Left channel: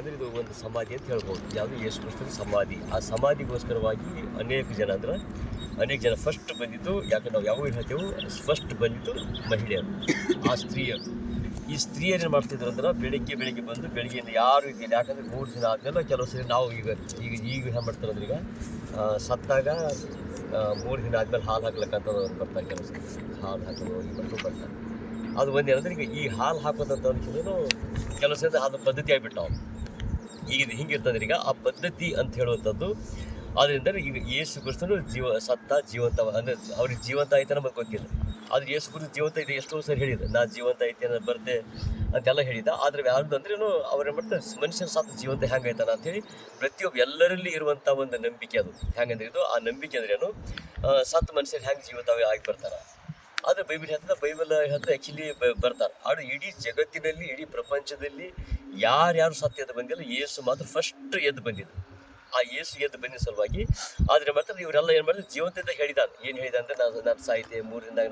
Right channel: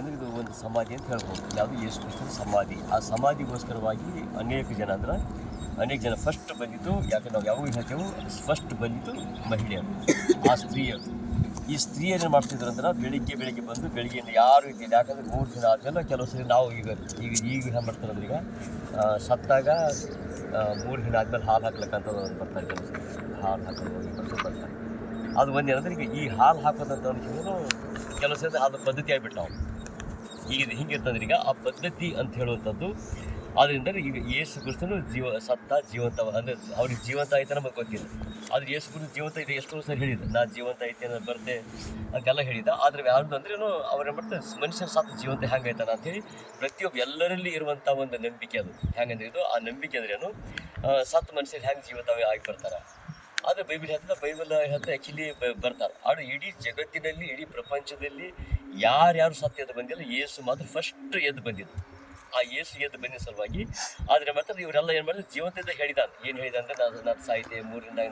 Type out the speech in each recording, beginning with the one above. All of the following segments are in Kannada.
ಅಂದರೆ ಇದು ಒಂದು ಸಮಾಧಿ ಅಂತ ಹೇಳ್ಬೋದು. ಯಾವುದು ಯೇಸು ಕ್ರಿಸ್ತನ ಸಮಾಧಿ. ಆ ಸಮಾಧಿಗೋಸ್ಕರವಾಗಿ ಅನೇಕ ಜನ ಫಸ್ಟ್ ಬಂದಿದ್ದು, ಯಾಕೆ ನಾವು ಯಾವಾಗ ಹೇಳ್ತೇವೆ, ಫಸ್ಟ್ ಬಂದಿದ್ದು ಮಹಿಳೆಯರು, ಆ ಸ್ತ್ರೀಯರು. ಈ ಸ್ತ್ರೀಯರು ಏನು ಮಾಡ್ತಿದ್ರು ಅಂದ್ರೆ ಬೆಳಿಗ್ಗೆ ಬಂದು ಬೆಳಿಗ್ಗೆಯಿಂದ ಯಾರು ಇದ್ದಿಲ್ಲ. ಯಾಕಂದರೆ 3 ದಿನ ಆದಮೇಲೆ ಕೆಲವು ಸರಿ ನಾವು ಈಗ ಏನು ಮಾಡ್ತಾರೆ ಅಂದ್ರೆ, ಈಗ ಸತ್ತಾಗ 3 ದಿನ ಆದಮೇಲೆ ಹಾಲು ಹಾಕ್ಲಿಕ್ಕಂತ ಬರ್ತಾರೆ. ಕೆಲವು ಸರಿ ಹಾಲು ಹಾಕೋದು ಬರ್ತಾರೆ. ಅದು ಒಂದೇನಂದ್ರೆ, ಈಗ ಈ ಹಾಲು ಹಾಕೋದಂತ ಕೆಲವು ಸರಿ ಅದು ಪದ್ಧತಿ ಆಗಿಬಿಟ್ಟು ಈಗ ಹಿಂಗಿರ್ತಂದ್ರೆ, ಈಗ ಆ ಪದ್ಧತಿ ಅಂತ ಹೇಳುವಂಥದ್ದು. ಆದ್ದರಿಂದ ಈಗ ಯೇಸು ಕ್ರಿಸ್ತನು ಜೀವಂತ ಅಂದರೆ ಅವ್ರಿಗೆ ಜೀವಂತ ಐತೆ ನಮಗೆ ಗೊತ್ತಿಲ್ಲ. ಆದರೆ ಯೇಸು ಕ್ರಿಸ್ತ ಜೀವಂತ ಇದೆ ಎಷ್ಟೋ ಸರಿ ಹೇಳಿದ, ನಾ ಜೀವಂತ ಐತೆ ಅನ್ನೋದು ಬರುತ್ತೆ ಅಂತೆಲ್ಲ ಹೇಳಿದ. ಆದರೆ ಯಾವುದು ಅಂದ್ರೇನು ಅವ್ರೇನು ಮಾಡ್ತಾರೆ, ಮನುಷ್ಯನ ಸತ್ತು ಜೀವಂತ ಹೆಂಗೈತಾನ ಅಂತೇಳಿ ಪ್ರತಿಯೊಬ್ಬ ಎಲ್ಲರಲ್ಲಿ ಇರುವಂಥ ಒಂದು ನಂಬಿಕೆ. ಅದು ಹೆಂಗಂದ್ರೆ ಇದು ಆ ನಂಬಿಕೆ ಅಂದ್ರೇನು, ಸತ್ತು ಮನುಷ್ಯರು ಹೆಂಗೆ ಜೀವಂತವೇ ಆಗಿ ಬರ್ತಾರೆ. ಆದರೆ ಬೈಬಲ್ ಹೇಳ್ತಾ ಆ್ಯಕ್ಚುಲಿ ಬರ್ತಾರೆ. ಆದರೆ ಇಡೀ ಜಗತ್ತಿನಲ್ಲಿ, ಇಡೀ ಪ್ರಪಂಚದಲ್ಲಿ ಯಾರ್ಯಾರು ಸತ್ತು ಎದ್ದು ಬಂದಿಲ್ಲ, ಯೇಸು ಮಾತ್ರ ಫಸ್ಟ್ ಎದ್ದು ಬಂದಿದ್ದು. ಆ ಯೇಸು ಎದ್ದು ಬಂದಿದ್ದ ಸಲುವಾಗಿ ಆದರೆ ಮಾಡ್ತಾರೆ ಇವರೆಲ್ಲ ಏನು ಮಾಡಿದ್ರೆ ಜೀವಂತದಿಂದ ಹೇಳಿದಾನೆ. ಏನು ಹೇಳಿದ ಅಂದರೆ, ನಾನು ಸಾಯ್ತೆ 3 ದಿನದಾಗ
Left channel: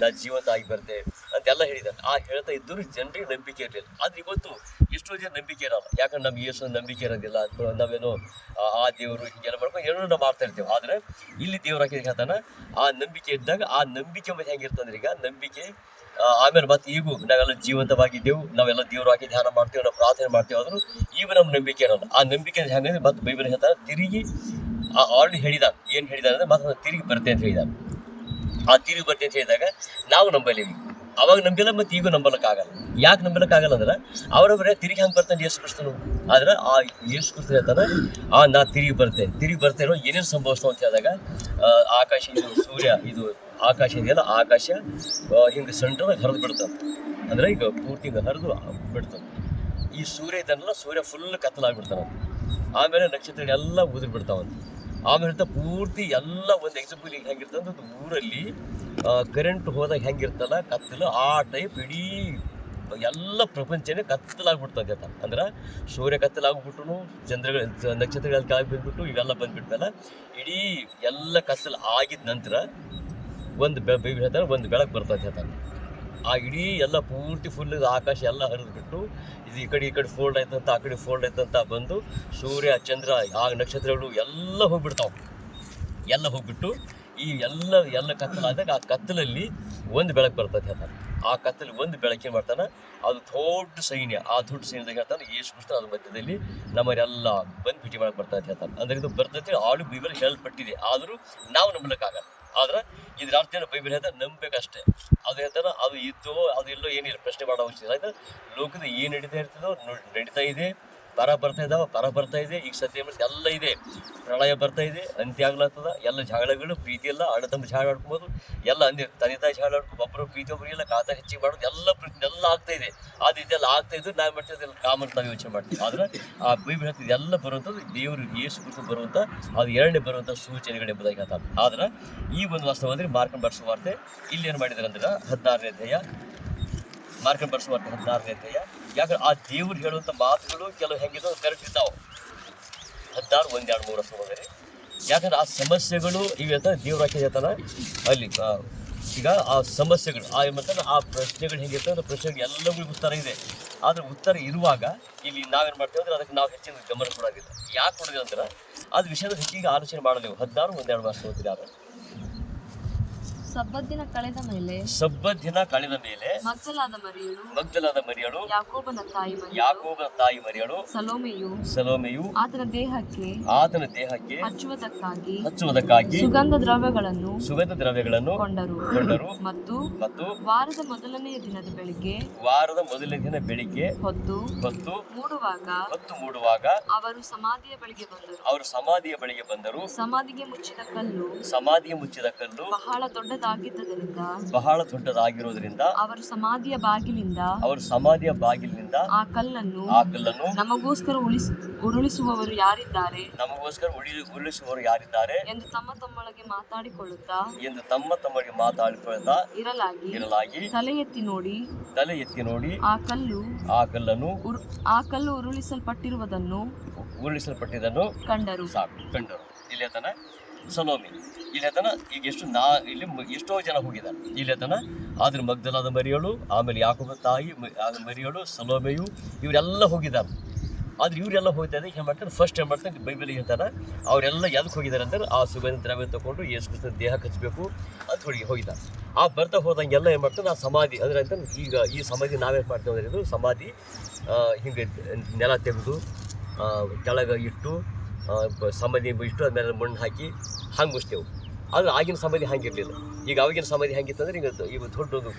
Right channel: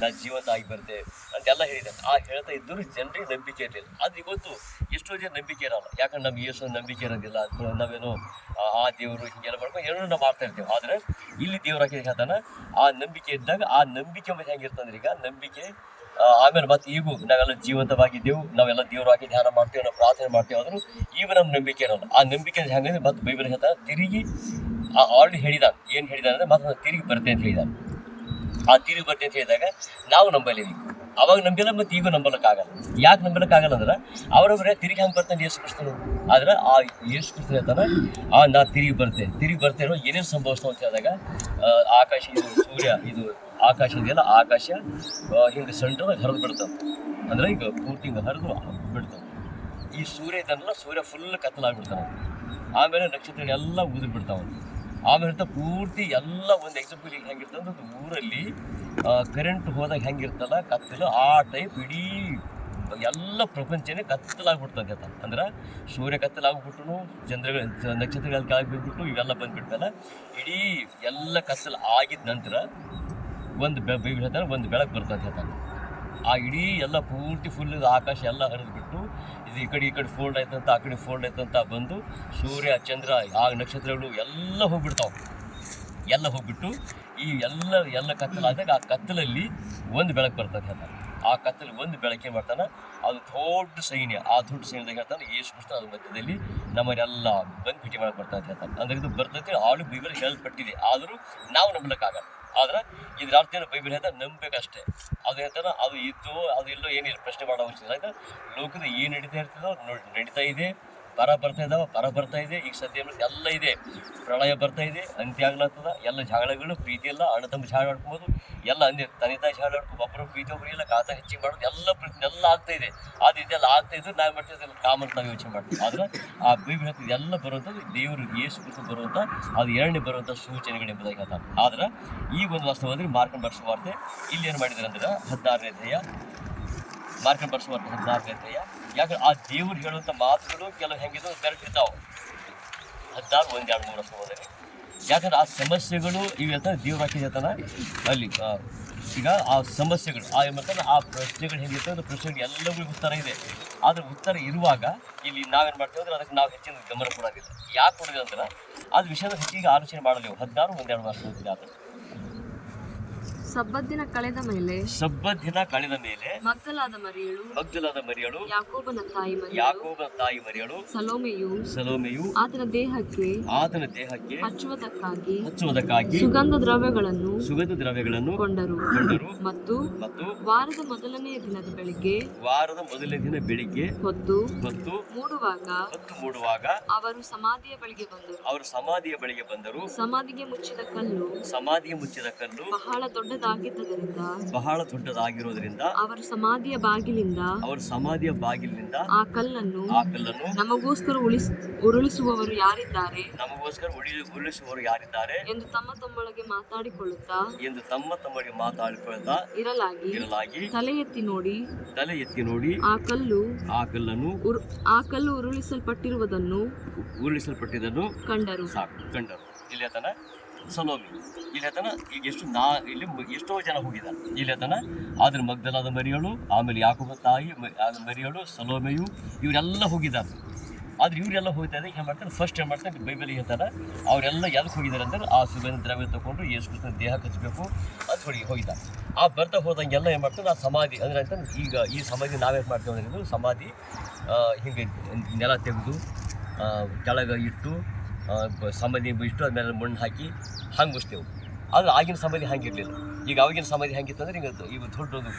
ನಾನು ಜೀವಂತ ಆಗಿ ಬರ್ತೆ ಅಂತೆಲ್ಲ ಹೇಳಿದ್ದಾನೆ. ಆ ಹೇಳ್ತಾ ಇದ್ದರೂ ಜನರಿಗೆ ನಂಬಿಕೆ ಇರಲಿಲ್ಲ. ಆದರೆ ಇವತ್ತು ಎಷ್ಟೋ ಜನ ನಂಬಿಕೆ ಇರಲ್ಲ. ಯಾಕಂದ್ರೆ ನಮ್ಮ ಯೇಸು ನಂಬಿಕೆ ಇರೋದಿಲ್ಲ ಅಂತ ನಾವೇನೋ ಆ ದೇವರು ಹಿಂಗೆಲ್ಲ ಮಾಡ್ಕೊಂಡು ಏನೋ ನಾವು ಮಾಡ್ತಾ ಇರ್ತೀವಿ. ಆದರೆ ಇಲ್ಲಿ ದೇವ್ರು ಹಾಕಿದ ಹೇಳ್ತಾನೆ, ಆ ನಂಬಿಕೆ ಇದ್ದಾಗ ಆ ನಂಬಿಕೆ ಮತ್ತೆ ಹೆಂಗಿರ್ತಂದ್ರೆ, ಈಗ ನಂಬಿಕೆ ಆಮೇಲೆ ಮತ್ತೆ ಈಗೂ ನಾವೆಲ್ಲ ಜೀವಂತವಾಗಿದ್ದೆವು, ನಾವೆಲ್ಲ ದೇವ್ರು ಹಾಕಿ ಧ್ಯಾನ ಮಾಡ್ತೀವಿ, ನಾವು ಪ್ರಾರ್ಥನೆ ಮಾಡ್ತೀವಿ. ಆದರೂ ಈಗ ನಮ್ಮ ನಂಬಿಕೆ ಇರೋಲ್ಲ. ಆ ನಂಬಿಕೆ ಹೆಂಗಂದ್ರೆ ಮತ್ತೆ ಬೈಬಲ್ ಹೇಳ್ತಾರೆ, ತಿರುಗಿ ಆಲ್ರೆಡಿ ಹೇಳಿದಾನೆ. ಏನು ಹೇಳಿದಾನೆ ಅಂದರೆ, ಮತ್ತೆ ತಿರುಗಿ ಬರ್ತೇನೆ ಅಂತ ಹೇಳಿದಾನೆ. ಆ ತಿರುಗಿ ಬರ್ತೇನೆ ಅಂತ ಹೇಳಿದಾಗ ನಾವು ನಂಬಲಿವಿ. ಅವಾಗ ನಂಬಿಲ್ಲ, ಮತ್ತು ಈಗೂ ನಂಬಲಿಕ್ಕಾಗಲ್ಲ. ಯಾಕೆ ನಂಬಲಿಕ್ಕಾಗಲ್ಲ ಅಂದ್ರೆ, ಅವರೊಬ್ಬರೇ ತಿರುಗಿ ಹಂಗೆ ಬರ್ತಾನೆ ಯೇಸು ಕ್ರಿಸ್ತನು. ಆದರೆ ಆ ಯೇಸು ಕ್ರಿಸ್ತನು ಹೇಳ್ತಾನೆ, ನಾ ತಿರುಗಿ ಬರ್ತೇನೋ ಏನೇನು ಸಂಭವಿಸ್ತಾವ ಅಂತ ಹೇಳಿದಾಗ, ಆಕಾಶ ಸೂರ್ಯ ಇದು ಆಕಾಶ ಇದೆಯಲ್ಲ, ಆಕಾಶ ಹಿಂಗೆ ಸೆಂಟ್ರದಾಗ ಹರಿದು ಬಿಡ್ತಾವೆ. ಅಂದರೆ ಈಗ ಪೂರ್ತಿ ಹಿಂಗೆ ಹರಿದು ಬಿಡ್ತಾವೆ. ಈ ಸೂರ್ಯ ಇದನ್ನೆಲ್ಲ ಸೂರ್ಯ ಫುಲ್ ಕತ್ತಲಾಗ್ಬಿಡ್ತಾವೆ. ಆಮೇಲೆ ನಕ್ಷತ್ರಗಳೆಲ್ಲ ಉದುರು ಬಿಡ್ತಾವೆ. ಆಮೇಲೆ ಪೂರ್ತಿ ಎಲ್ಲ ಒಂದು ಎಕ್ಸಾಂಪಲ್ ಈಗ ಹೆಂಗಿರ್ತದೆ ಅಂದ್ರೆ, ಊರಲ್ಲಿ ಕರೆಂಟ್ ಹೋದಾಗ ಹೆಂಗಿರ್ತಲ್ಲ ಕತ್ತಲು, ಆ ಟೈಪ್ ಇಡೀ ಎಲ್ಲ ಪ್ರಪಂಚನೇ ಕತ್ತಲಾಗ್ಬಿಡ್ತದೆ. ಅಂದ್ರೆ ಸೂರ್ಯ ಕತ್ತಲಾಗ್ಬಿಟ್ಟು, ನಕ್ಷತ್ರಗಳ ಕೆಳಗೆ ಬಿಟ್ಬಿಟ್ಟು ಇವೆಲ್ಲ ಬಂದ್ಬಿಡ್ತಲ್ಲ, ಇಡೀ ಎಲ್ಲ ಕತ್ತಲು ಆಗಿದ ನಂತರ ಒಂದು ಹೇಳ್ತಾರೆ, ಒಂದು ಬೆಳಕು ಬರ್ತದೆ ಹೇಳ್ತಾರೆ. ಆ ಇಡೀ ಎಲ್ಲ ಪೂರ್ತಿ ಫುಲ್ ಆಕಾಶ ಎಲ್ಲ ಹರಿದ್ಬಿಟ್ಟು, ಇದು ಈ ಕಡೆ ಫೋಲ್ಡ್ ಆಯ್ತಂತ, ಆ ಕಡೆ ಫೋಲ್ಡ್ ಆಯ್ತಂತ ಬಂದು ಸೂರ್ಯ ಚಂದ್ರ ಆ ನಕ್ಷತ್ರಗಳು ಎಲ್ಲ ಹೋಗ್ಬಿಟ್ಟು ಈ ಎಲ್ಲ ಕತ್ತಲಾದಾಗ ಆ ಕತ್ತಲಲ್ಲಿ ಒಂದು ಬೆಳಕು ಬರ್ತದೆ ಹೇಳ್ತಾರೆ. ಆ ಕತ್ತಲು ಒಂದು ಬೆಳಕೆ ಮಾಡ್ತಾನೆ, ಅದು ದೊಡ್ಡ ಸೈನ್ಯ. ಆ ದೊಡ್ಡ ಸೈನ್ಯದಾಗ ಹೇಳ್ತಾನೆ ಯೇಸು ಕ್ರಿಸ್ತ ಅದ್ರ ಮಧ್ಯದಲ್ಲಿ ನಮ್ಮನ್ನೆಲ್ಲ ಬಂದು ಭೇಟಿ ಮಾಡಕ್ಕೆ ಬರ್ತಾ ಹೇಳ್ತಾನೆ. ಅಂದರೆ ಇದು ಬರ್ತೈತೆ, ಆಳು ಬೈಬಲ್ ಹೇಳಲ್ಪಟ್ಟಿದೆ, ಆದರೂ ನಾವು ನಂಬಲಿಕ್ಕಾಗಲ್ಲ. ಆದ್ರೆ ಇದ್ರ ಅರ್ಥ ಏನು, ಬೈಬಲ್ ಹೇಳ್ತಾರೆ ನಂಬಬೇಕಷ್ಟೇ. ಅದು ಹೇಳ್ತಾನೆ, ಅದು ಇದ್ದು ಅದು ಎಲ್ಲೋ ಏನಿಲ್ಲ, ಪ್ರಶ್ನೆ ಮಾಡೋ ಅವಶ್ಯಕ ಇಲ್ಲ. ಲೋಕದ ಏನು ನಡೀತಾ ಇದೆ, ಪರ ಬರ್ತಾ ಇದೆ. ಈಗ ಸದ್ಯ ಎಲ್ಲ ಇದೆ, ಪ್ರಳಯ ಬರ್ತಾ ಇದೆ, ಅಂತ್ಯ ಆಗ್ಲತ್ತದ. ಎಲ್ಲ ಜಗಳಗಳು, ಪ್ರೀತಿ ಎಲ್ಲ, ಅಣ್ಣ ತಮ್ಮ ಜಗಳ ಆಡ್ಕೊಬೋದು, ಎಲ್ಲ ಅಂದೆ ತಂದೆ ತಾಯಿ ಜಗಳ ಆಡ್ಕೊಂಡು ಒಬ್ಬರು ಪ್ರೀತಿ ಒಬ್ಬರಿಗೆಲ್ಲ ಖಾತ ಹೆಚ್ಚಿಗೆ ಮಾಡೋದು, ಎಲ್ಲ ಆಗ್ತಾ ಇದೆ. ಅದು ಇದೆಲ್ಲ ಆಗ್ತಾ ಇದ್ದು ನಾವು ಮಾಡ್ತಿದ್ದೆಲ್ಲ ಕಾಮನ್ ನಾವು ಯೋಚನೆ ಮಾಡ್ತೀವಿ. ಆದರೆ ಆ ಬೈಬಲ್ ಹೇಳ್ತಿದ್ದು ಎಲ್ಲ ಬರುವಂಥದ್ದು ದೇವರು ಯೇಸು ಕ್ರಿಸ್ತ ಬರುವಂಥ, ಅದು ಎರಡನೇ ಬರುವಂಥ ಸೂಚನೆಗಳು ಎಂಬುದಾಗಿ ಹೇಳ್ತಾರೆ. ಆದ್ರೆ ಈ ಒಂದು ವಾಸ್ತವದಲ್ಲಿ ಮಾರ್ಕನ್ ಬರೆಸುವ ವಾರ್ತೆ ಇಲ್ಲಿ ಏನು ಮಾಡಿದ್ದಾರೆ ಅಂದ್ರೆ 16ನೇ ಅಧ್ಯಾಯ, ಮಾರ್ಕನ್ ಬರೆಸುವ ವಾರ್ತೆ 16ನೇ ಅಧ್ಯಾಯ. ಯಾಕಂದ್ರೆ ಆ ದೇವ್ರು ಹೇಳುವಂಥ ಮಾತುಗಳು ಕೆಲವು ಹೆಂಗಿದಾವೆ ಬೆರೆತಿರ್ತಾವೆ. 16, 1, 2, 3 ಸಹೋದರಿ. ಯಾಕಂದ್ರೆ ಆ ಸಮಸ್ಯೆಗಳು ಈಗ ದೇವ್ರು ಹಾಕಿ ಹೇಳ್ತಾನೆ ಅಲ್ಲಿ. ಈಗ ಆ ಸಮಸ್ಯೆಗಳು ಆ ಪ್ರಶ್ನೆಗಳು ಹೆಂಗಿರ್ತವೆ ಅಂದ್ರೆ, ಪ್ರಶ್ನೆಗೆ ಎಲ್ಲವೂ ಉತ್ತರ ಇದೆ. ಆದರೆ ಉತ್ತರ ಇರುವಾಗ ಇಲ್ಲಿ ನಾವೇನು ಮಾಡ್ತೇವೆ ಅಂದ್ರೆ, ಅದಕ್ಕೆ ನಾವು ಹೆಚ್ಚಿನ ಗಮನ ಕೊಡೋದಿಲ್ಲ. ಯಾಕೆ ಕೊಡೋದಿಲ್ಲ ಅಂದ್ರೆ, ಅದು ವಿಷಯದ ಹೆಚ್ಚಿಗೆ ಆಲೋಚನೆ ಮಾಡಲೇವು. 16, 1, 2 ವರ್ಷ ಓದಿಲ್ಲ. ಅದು ಸಬ್ಬತ್ ದಿನ ಕಳೆದ ಮೇಲೆ ಮಗ್ದಲಾದ ಮರಿಯಳು, ಯಾಕೋಬನ ತಾಯಿ ಮರಿಯಳು, ಸಲೋಮೆಯು ಆತನ ದೇಹಕ್ಕೆ ಹಚ್ಚುವುದಕ್ಕಾಗಿ ಸುಗಂಧ ದ್ರವ್ಯಗಳನ್ನು ಕೊಂಡರು. ಮತ್ತು ವಾರದ ಮೊದಲನೆಯ ದಿನದ ಬೆಳಿಗ್ಗೆ ಹೊತ್ತು ಮೂಡುವಾಗ ಅವರು ಸಮಾಧಿಯ ಬಳಿಗೆ ಬಂದರು. ಸಮಾಧಿಗೆ ಮುಚ್ಚಿದ ಕಲ್ಲು ಬಹಳ ದೊಡ್ಡದಾಗಿರುವುದರಿಂದ ಅವರು ಸಮಾಧಿಯ ಬಾಗಿಲಿನಿಂದ ಆ ಕಲ್ಲನ್ನು ನಮಗೋಸ್ಕರ ಉರುಳಿಸುವವರು ಯಾರಿದ್ದಾರೆ ಎಂದು ತಮ್ಮ ತಮ್ಮೊಳಗೆ ಮಾತಾಡಿಕೊಳ್ಳುತ್ತಾ ಇರಲಾಗಿ ತಲೆ ಎತ್ತಿ ನೋಡಿ ಆ ಕಲ್ಲನ್ನು ಉರುಳಿಸಲ್ಪಟ್ಟಿರುವುದನ್ನು ಕಂಡರು. ಇಲ್ಲಿ ಸಲೋಮಿ ಇಲ್ಲಿ ಈಗ ಎಷ್ಟೋ ಜನ ಹೋಗಿದ್ದಾರೆ. ಇಲ್ಲಿ ಆದ್ರೆ ಮಗ್ದಲಾದ ಮರಿಯಳು, ಆಮೇಲೆ ಯಾಕೋಬನ ತಾಯಿ ಮರಿಯಳು, ಸಲೋಮೆಯು, ಇವರೆಲ್ಲ ಹೋಗಿದ್ದಾರೆ. ಆದ್ರೆ ಇವರೆಲ್ಲ ಹೋಗ್ತಾರೆ ಏನು ಮಾಡ್ತಾರೆ, ಫಸ್ಟ್ ಏನು ಮಾಡ್ತಾರೆ ಬೈಬಲ್ ಹೇಳ್ತಾರೆ ಅವರೆಲ್ಲ ಎದಕ್ಕೆ ಹೋಗಿದ್ದಾರೆ ಅಂದ್ರೆ ಆ ಸುಗಂಧ ದ್ರವ್ಯ ತಗೊಂಡು ಯೇಸು ಕ್ರಿಸ್ತನ ದೇಹ ಹಚ್ಚಬೇಕು ಅಂತ ಹೋಗಿದ್ದಾರೆ. ಆ ಬರ್ತಾ ಹೋದಂಗೆಲ್ಲ ಏನು ಮಾಡ್ತಾರೆ, ಆ ಸಮಾಧಿ ಅಂದರೆ ಅಂತ ಈಗ ಈ ಸಮಾಧಿ ನಾವೇನು ಮಾಡ್ತೀವಿ ಅಂದ್ರೆ ಇದು ಸಮಾಧಿ ಹಿಂಗೆ ನೆಲ ತೆಗೆದು ಕೆಳಗೆ ಇಟ್ಟು ಸಮಾಧಿ ಇಟ್ಟು ಅದನ್ನೆಲ್ಲ ಮಣ್ಣು ಹಾಕಿ ಹಂಗೆ ಮುಚ್ತೇವೆ. ಆದರೆ ಆಗಿನ ಸಮಾಧಿ ಹಂಗೆ ಇರಲಿಲ್ಲ. ಈಗ ಅವಾಗಿನ ಸಮಾಧಿ ಹೆಂಗಿತ್ತು ಅಂದರೆ ಈಗ ದೊಡ್ಡದು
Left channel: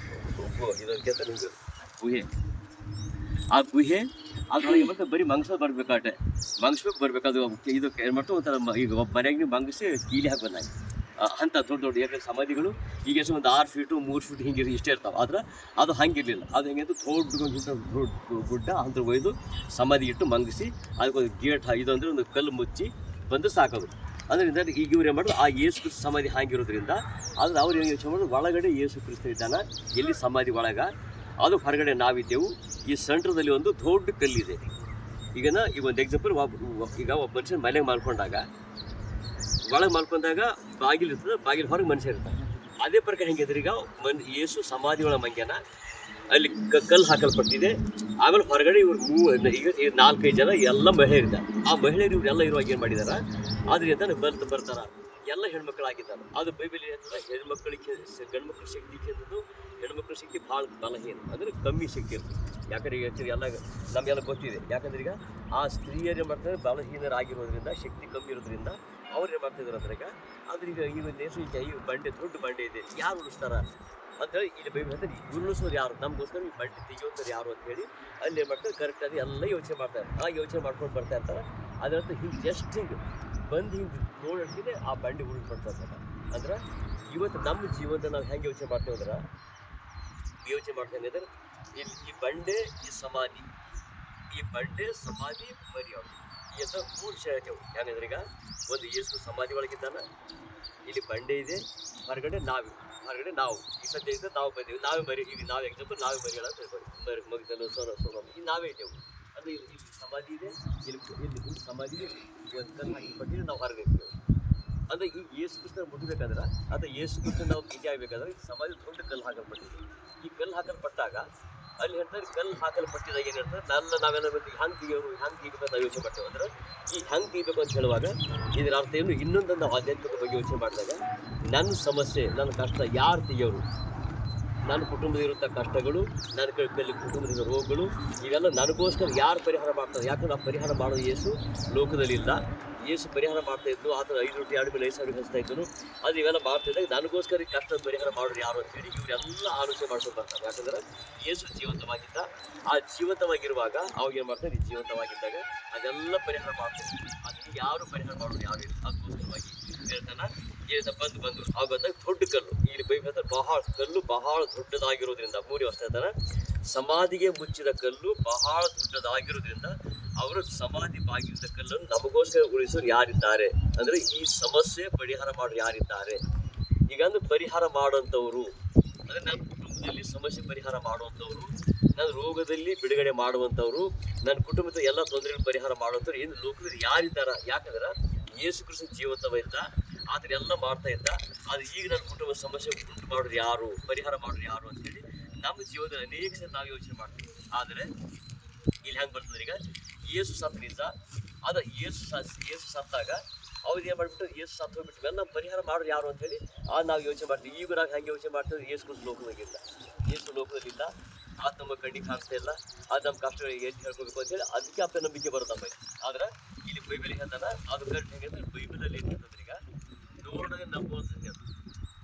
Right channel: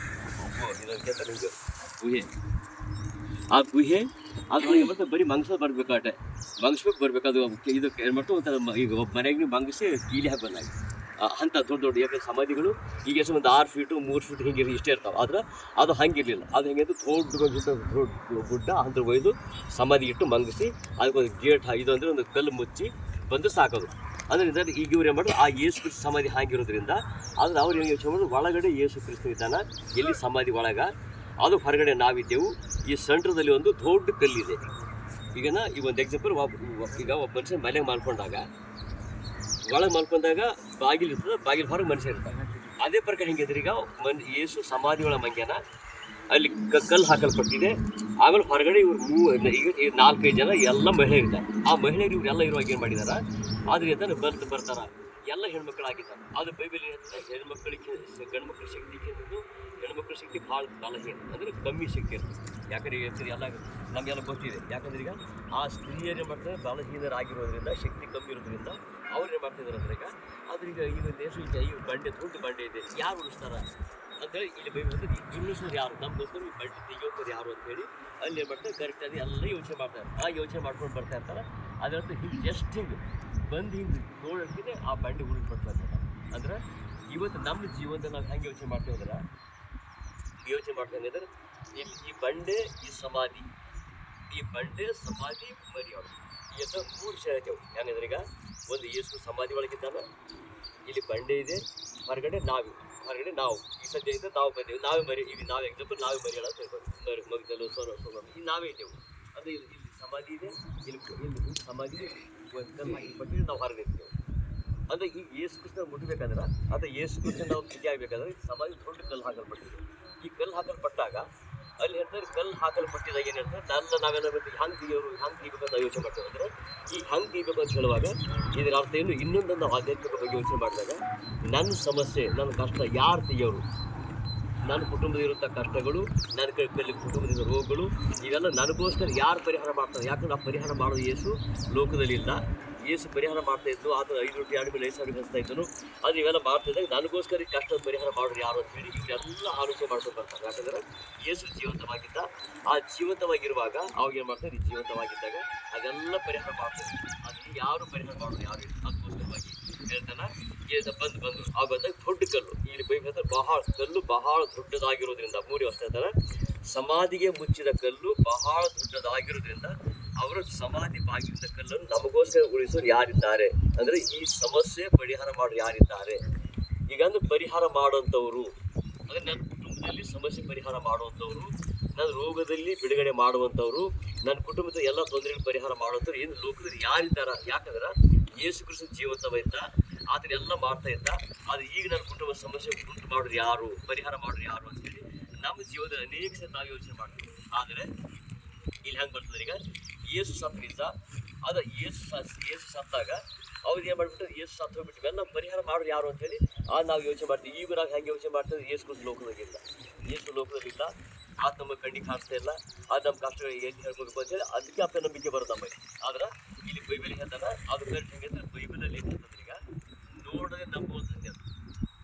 ಗುಹೆ, ಆ ಗುಹೆ ಅದ್ರೊಳಗೆ ಮತ್ತೆ ಬರೀ ಮಂಗ್ಸ ಬರಬೇಕಾಟೆ ಮಂಗಿಸ್ಬೇಕು ಬರಬೇಕು. ಅದು ಇದು ಏನು ಮಾಡ್ತು ಒಂಥರ ಈಗ ಒಬ್ಬ ಮನೆಯಾಗ ನೀವು ಮಂಗಿಸಿ ಕೀಲಿ ಹಾಕಿ ಬಂದಾಗ ಅಂಥ ದೊಡ್ಡ ದೊಡ್ಡ ಯಾಕಂದ್ರೆ ಸಮಾಧಿಗಳು ಈಗ ಎಷ್ಟು ಒಂದು 6 ಫೀಟು 3 ಫೀಟ್ ಹಿಂಗೆ ಇಷ್ಟೇ ಇರ್ತಾವೆ. ಆದ್ರೆ ಅದು ಹಂಗಿರಲಿಲ್ಲ. ಅದು ಹೆಂಗೆ ದೊಡ್ಡ ಗುಡ್ಡ ಅಂತ ಒಯ್ದು ಸಮಾಧಿ ಇಟ್ಟು ಮಂಗಿಸಿ ಅದಕ್ಕೊಂದು ಗೇಟ್ ಇದು ಅಂದರೆ ಒಂದು ಕಲ್ಲು ಮುಚ್ಚಿ ಬಂದು ಸಾಕೋದು. ಅದರಿಂದ ಈಗ ಇವ್ರು ಏನು ಮಾಡೋದು, ಆ ಯೇಸು ಕ್ರಿಸ್ತ ಸಮಾಧಿ ಹಾಗಿರೋದ್ರಿಂದ ಆದರೆ ಅವ್ರು ಏನು ಯೋಚನೆ ಮಾಡೋದು, ಒಳಗಡೆ ಯೇಸು ಕ್ರಿಸ್ತ ಇದ್ದಾನ, ಎಲ್ಲಿ ಸಮಾಧಿ ಒಳಗೆ ಅದು ಹೊರಗಡೆ ನಾವಿದ್ದೆವು. ಈ ಸೆಂಟ್ರದಲ್ಲಿ ಒಂದು ದೊಡ್ಡ ಕಲ್ಲಿದೆ. ಈಗ ಒಂದು ಎಕ್ಸಾಂಪಲ್, ಈಗ ಒಬ್ಬ ಮನುಷ್ಯ ಮನೆಗೆ ಮಾಡ್ಕೊಂಡಾಗ ಒಳಗೆ ಮಲ್ಕೊಂಡಾಗ ಬಾಗಿಲು ಇರ್ತದೆ, ಬಾಗಿಲು ಹೊರಗೆ ಮನುಷ್ಯ ಇರ್ತಾರೆ. ಅದೇ ಪ್ರಕಾರ ಹೆಂಗಿದ್ರೆ ಈಗ ಯೇಸು ಸಮಾಧಿ ಒಳ ಮಂಗ್ಯನ ಅಲ್ಲಿ ಕಲ್ಲು ಹಾಕಲ್ಪಟ್ಟಿದೆ. ಆಮೇಲೆ ಹೊರಗಡೆ ಇವ್ರು ಈಗ 4-5 ಜನ ಎಲ್ಲ ಮಹಿಳೆಯರಿದ್ದಾರೆ. ಆ ಮಹಿಳೆಯರು ಇವರೆಲ್ಲ ಇರುವಾಗ ಏನು ಮಾಡಿದಾರ, ಆದ್ರಿಂದ ಬರ್ತಾರ ಎಲ್ಲ ಹೆಣ್ಮಕ್ಳಾಗಿದ್ದಾರೆ. ಅದು ಬೈಬಲ್ ಹೇಳ್ತದೆ, ಹೆಣ್ಮಕ್ಳಿಗೆ ಗಂಡ್ಮಕ್ಳ ಶಕ್ತಿ ಕೇಂದ್ರದ್ದು ಹೆಣ್ಮಕ್ಳ ಶಕ್ತಿ ಭಾಳ ಬಲಹೀನ ಅಂದರೆ ಕಮ್ಮಿ ಶಕ್ತಿ ಇರ್ತದೆ. ಯಾಕಂದ್ರೆ ಹೇಳ್ತೀವಿ ಎಲ್ಲ ನಮಗೆಲ್ಲ ಗೊತ್ತಿದೆ. ಯಾಕಂದ್ರೆ ಈಗ ಆ ಸ್ತ್ರೀಯರು ಮಾಡ್ತಾರೆ ಬಲಹೀನರಾಗಿರೋದ್ರಿಂದ, ಶಕ್ತಿ ಕಮ್ಮಿ ಇರೋದ್ರಿಂದ ಅವ್ರು ಏನು ಮಾಡ್ತಿದ್ದಾರೆ ಅಂದ್ರೆ ಈಗ ಆದ್ರೆ ಈಗ ದೇಶ ಈ ಬಂಡೆ ದೊಡ್ಡ ಬಂಡೆ ಇದೆ, ಯಾರು ಉಳಿಸ್ತಾರ ಅಂತೇಳಿ ಇಲ್ಲಿ ಬೈಬಲ್ ಅಂದ್ರೆ ಉರುಳಿಸೋರು ಯಾರು, ನಮಗೋಸ್ಕರ ಈ ಬಂಡೆ ತೆಗಿಯೋರು ಯಾರು ಅಂತೇಳಿ ಅಲ್ಲಿ ಏನು ಮಾಡ್ತಾರೆ ಕರೆಕ್ಟಾಗಿ ಎಲ್ಲ ಯೋಚನೆ ಮಾಡ್ತಾರೆ. ಆ ಯೋಚನೆ ಮಾಡ್ಕೊಂಡು ಬರ್ತಾ ಇರ್ತಾರೆ. ಅದರಂತೂ ಹಿಂಗೆ ಜಸ್ಟ್ ಹಿಂಗೆ ಬಂದು ಹಿಂಗೆ ನೋಡೋಕ್ಕೆ ಆ ಬಂಡೆ ಉರುಳ್ಪಡ್ತಾ ಇರ್ತಾರೆ. ಅಂದ್ರೆ ಇವತ್ತು ನಮ್ಮ ಜೀವನದ ನಾವು ಹೆಂಗೆ ಯೋಚನೆ ಮಾಡ್ತೇವೆ ಅಂದ್ರೆ, ಯೋಚನೆ ಮಾಡ್ತೇನೆ ಅಂದರೆ ಈ ಬಂಡೆ, ಈ ಸಮಾಧಿ, ಈ ಬಂಡೆ ಸಮಾಧಿ ಮರಿಯೋದು ಎಂದು 3 ವಿಷಯ ಹೇಳ್ತೇವೆ. ಹೆಂಗಂದ್ರೆ ಈಗ ಒಂದು ಯೇಸು ಸಮಾಧಿ ಒಳಗಿದ್ದಾನ, ಇಲ್ಲಿ ಬಂಡೆ ಇದೆ, ಹೊರಗಡೆ ನಾವು ಈ ಸದ್ಯ ಇದ್ದರೆ ನಾವು ಬಂದೇವು, ನಾವೇ ಮರಿ, ಈಗ ನಾವು ಎಕ್ಸಾಂಪಲ್ ನಾವೇ ಮರಿಯೋಣ ಅಂತ ಹೇಳ್ಬೋದು, ಮಗದಲ್ಲೂ ಸೋನ ಈ ನಾವೇ ಇದ್ದೇವೆ. ಅಂದರೆ ಇಲ್ಲಿ ಸಮಾಧಿ ಇದೆ, ಇಲ್ಲಿ ಸಮಾಧಿ ಒಂದು ಕಲ್ಲು ಹಾಕಿಪಟ್ಟಿದ್ರೆ ನಾವು ಹೊರಗೆ ನಿಲ್ತೇವೆ. ಅಂದರೆ ಈ ಯೇಸು ಕ್ರಿಸ್ತನ ಮುಟ್ಟಬೇಕಾದ್ರೆ ಅಥವಾ ಯೇಸು ಕ್ರಿಸ್ತನ ನಾವು ಭೇಟಿ ಆಗಬೇಕಾದ್ರೆ ಈ ಸಮಾಧಿ ದೊಡ್ಡ ಕಲ್ಲು ಹಾಕಲ್ಪಟ್ಟಿದೆ. ಈ ಕಲ್ಲು ಹಾಕಲ್ಪಟ್ಟಾಗ ಅಲ್ಲಿ ಹೇಳ್ತಾರೆ, ಕಲ್ಲು ಹಾಕಲ್ಪಟ್ಟಿದಾಗ ಏನು ಹೇಳ್ತಾರೆ, ನಾವೆಲ್ಲ ಹಂಗೆ ತೆಗಿಯೋರು ಹಂಗೆ ತೆಗಿಬೇಕಂತ ಯೋಚನೆ ಮಾಡ್ತೇವೆ. ಅಂದ್ರೆ ಈ ಹಂಗೆ ತೆಗಿಬೇಕು ಅಂತ ಹೇಳುವಾಗ ಇದರ ಅರ್ಥ ಏನು, ಇನ್ನೊಂದು ನಾವು ಆಧ್ಯಾತ್ಮಿಕ ಬಗ್ಗೆ ಯೋಚನೆ ಮಾಡಿದಾಗ ನನ್ನ ಸಮಸ್ಯೆ, ನನ್ನ ಕಷ್ಟ ಯಾರು ತೆಗಿಯೋರು, ನನ್ನ ಕುಟುಂಬದಲ್ಲಿರುವಂಥ ಕಷ್ಟಗಳು, ನನ್ನ ಕುಟುಂಬದ ರೋಗಗಳು, ಇವೆಲ್ಲ ನನಗೋಸ್ಕರ ಯಾರು ಪರಿಹಾರ ಮಾಡ್ತಾರೆ. ಯಾಕಂದ್ರೆ ಆ ಪರಿಹಾರ ಮಾಡೋದು ಯೇಸು ಲೋಕದಲ್ಲಿಲ್ಲ. ಯೇಸು ಪರಿಹಾರ ಮಾಡ್ತಾ ಇದ್ದು, ಆತನ 5 ರೊಟ್ಟಿ 2 ಮೀನು 5 ಸಾವಿರ ಹಚ್ತಾ ಇದ್ದನು. ಅದು ಇವೆಲ್ಲ ಮಾಡ್ತಿದ್ದಾಗ ನನಗೋಸ್ಕರ ಕಷ್ಟದ ಪರಿಹಾರ ಮಾಡೋರು ಯಾರು ಅಂತೇಳಿ ಇವರೆಲ್ಲ ಆಲೋಚನೆ ಮಾಡ್ಕೊತಾರೆ. ಯಾಕಂದ್ರೆ ಯೇಸು ಜೀವಂತವಾಗಿದ್ದ. ಆ ಜೀವಂತವಾಗಿರುವಾಗ ಅವಾಗ ಏನು ಮಾಡ್ತಾರೆ, ಜೀವಂತವಾಗಿದ್ದಾಗ ಅದೆಲ್ಲ ಪರಿಹಾರ ಮಾಡ್ತಾರೆ. ಅದನ್ನು ಯಾರು ಪರಿಹಾರ ಮಾಡೋದು ಯಾರು ಇಲ್ಲ. ಅದಕ್ಕೋಸ್ಕರವಾಗಿ ಹೇಳ್ತಾನೆ, ಬಂದು ಆ ಬಂದಾಗ ದೊಡ್ಡ ಕಲ್ಲು, ಇಲ್ಲಿ ಬೈಬಲ್ ಕಲ್ಲು ಬಹಳ ದೊಡ್ಡದಾಗಿರೋದ್ರಿಂದ 3 ವರ್ಷ ಹೇಳ್ತಾನೆ, ಸಮಾಧಿಗೆ ಮುಚ್ಚಿದ ಕಲ್ಲು ಬಹಳ ದೊಡ್ಡದಾಗಿರೋದ್ರಿಂದ ಅವರ ಸಮಾಧಿ ಬಾಗಿಲಿನ ಕಲ್ಲನ್ನು ನಮಗೋಸ್ಕರ ಉಳಿಸೋರು ಯಾರಿದ್ದಾರೆ ಅಂದರೆ ಈ ಸಮಸ್ಯೆ ಪರಿಹಾರ ಮಾಡೋರು ಯಾರಿದ್ದಾರೆ. ಈಗ ಅಂದ್ರೆ ಪರಿಹಾರ ಮಾಡುವಂಥವ್ರು ಅಂದರೆ ನನ್ನ ಕುಟುಂಬದಲ್ಲಿ ಸಮಸ್ಯೆ ಪರಿಹಾರ ಮಾಡುವಂಥವ್ರು, ನನ್ನ ರೋಗದಲ್ಲಿ ಬಿಡುಗಡೆ ಮಾಡುವಂಥವ್ರು, ನನ್ನ ಕುಟುಂಬದ ಎಲ್ಲ ತೊಂದರೆಗಳು ಪರಿಹಾರ ಮಾಡುವಂಥವ್ರು ಏನು ಲೋಕದಲ್ಲಿ ಯಾರಿದ್ದಾರ. ಯಾಕಂದ್ರೆ ಯೇಸು ಕ್ರಿಸ್ತ ಜೀವಂತವಿದ್ದ, ಆದ್ರೆ ಎಲ್ಲ ಮಾಡ್ತಾ ಇದ್ದ. ಆದರೆ ಈಗ ನನ್ನ ಕುಟುಂಬ ಸಮಸ್ಯೆ ಉಂಟು ಮಾಡೋರು ಯಾರು, ಪರಿಹಾರ ಮಾಡೋರು ಯಾರು ಅಂತೇಳಿ ನಮ್ಮ ಜೀವನದಲ್ಲಿ ಅನೇಕ ಸಲ ನಾವು ಯೋಚನೆ ಮಾಡ್ತೀವಿ. ಆದರೆ ಇಲ್ಲಿ ಹೆಂಗೆ ಬರ್ತದೆ, ಈಗ ಯೇಸು ಸತ್ತ ನಿಜ, ಅದು ಯೇಸು ಸತ್ತಾಗ ಅವ್ರು ಏನು ಮಾಡಿಬಿಟ್ಟು ಯೇಸು ಸತ್ತು ಹೋಗ್ಬಿಟ್ಟು ಇವೆಲ್ಲ ಪರಿಹಾರ ಮಾಡೋರು ಯಾರು ಅಂತೇಳಿ ನಾವು ಯೋಚನೆ ಮಾಡ್ತೀವಿ. ಈಗ ನಾವು ಹೆಂಗೆ ಯೋಚನೆ ಮಾಡ್ತೀವಿ, ಯೇಸು ಕ್ರಿಸ್ತ ಲೋಕದಾಗಿಲ್ಲ, ಯೇಸು ಲೋಕದಲ್ಲಿಲ್ಲ, ಅದು ನಮ್ಮ ಕಣ್ಣಿಗೆ ಕಾಣಿಸ್ತಾ ಇಲ್ಲ, ಅದು ನಮ್ಮ ಕಷ್ಟಗಳು ಏನು ಹೇಳ್ಕೋಬೇಕು ಅಂತೇಳಿ ಅದಕ್ಕೆ ಅಪ್ಪ ನಂಬಿಕೆ ಬರುತ್ತಮ್ಮ. ಆದ್ರೆ ಇಲ್ಲಿ ಬೈಬಲ್ ಹೇಳ್ತಾನೆ, ಅದು ಕರೆಕ್ಟ್ ಹೆಂಗೆ ಅಂದ್ರೆ ಬೈಬಲಲ್ಲಿ ಏನು ಹೇಳ್ತಂದ್ರೆ ಈಗ ನೋಡದೆ ನಂಬುವಂಥದ್ದು.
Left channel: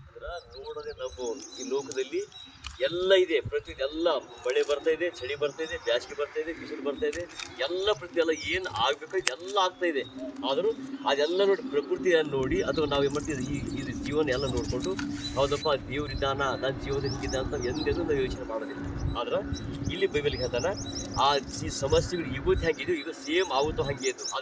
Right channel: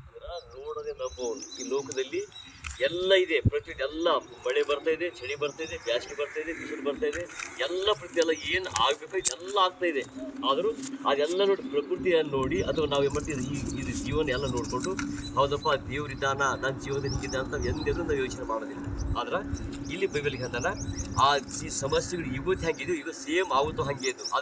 ಅಂದ್ರೆ ನೋಡದೆ ನಂಬುವನು. ಈ ಲೋಕದಲ್ಲಿ ಎಲ್ಲ ಇದೆ, ಪ್ರತಿಯೊಂದು ಎಲ್ಲ ಮಳೆ ಬರ್ತಾ ಇದೆ, ಚಳಿ ಬರ್ತಾ ಇದೆ, ಬೇಸಿಗೆ ಬರ್ತಾ ಇದೆ, ಬಿಸಿಲು ಬರ್ತಾ ಇದೆ, ಎಲ್ಲ ಎಲ್ಲ ಏನು ಆಗಬೇಕು ಎಲ್ಲ ಆಗ್ತಾ ಇದೆ. ಆದರೂ ಅದೆಲ್ಲ ನೋಡಿ ಪ್ರಕೃತಿಯನ್ನು ನೋಡಿ ಅಥವಾ ನಾವು ಏನು ಮಾಡ್ತೀವಿ, ಇದು ಜೀವನ ಎಲ್ಲ ನೋಡಿಕೊಂಡು ಹೌದಪ್ಪ ದೇವ್ರಿದ್ದಾನ, ನನ್ನ ಜೀವನದಲ್ಲಿ ಹಿಂಗಿದ್ದ ಅಂತ ಎಂದೆಂದು ನಾವು ಯೋಚನೆ ಮಾಡೋದಿಲ್ಲ. ಆದ್ರೆ ಇಲ್ಲಿ ಬೈಬಲ್ ಹೇಳ್ತಾನೆ, ಈ ಸಮಸ್ಯೆಗಳು ಇವತ್ತು ಹೆಂಗಿದೆಯೋ ಈಗ ಸೇಮ್ ಆವತ್ತು ಹಾಗೆ ಇದ್ದು.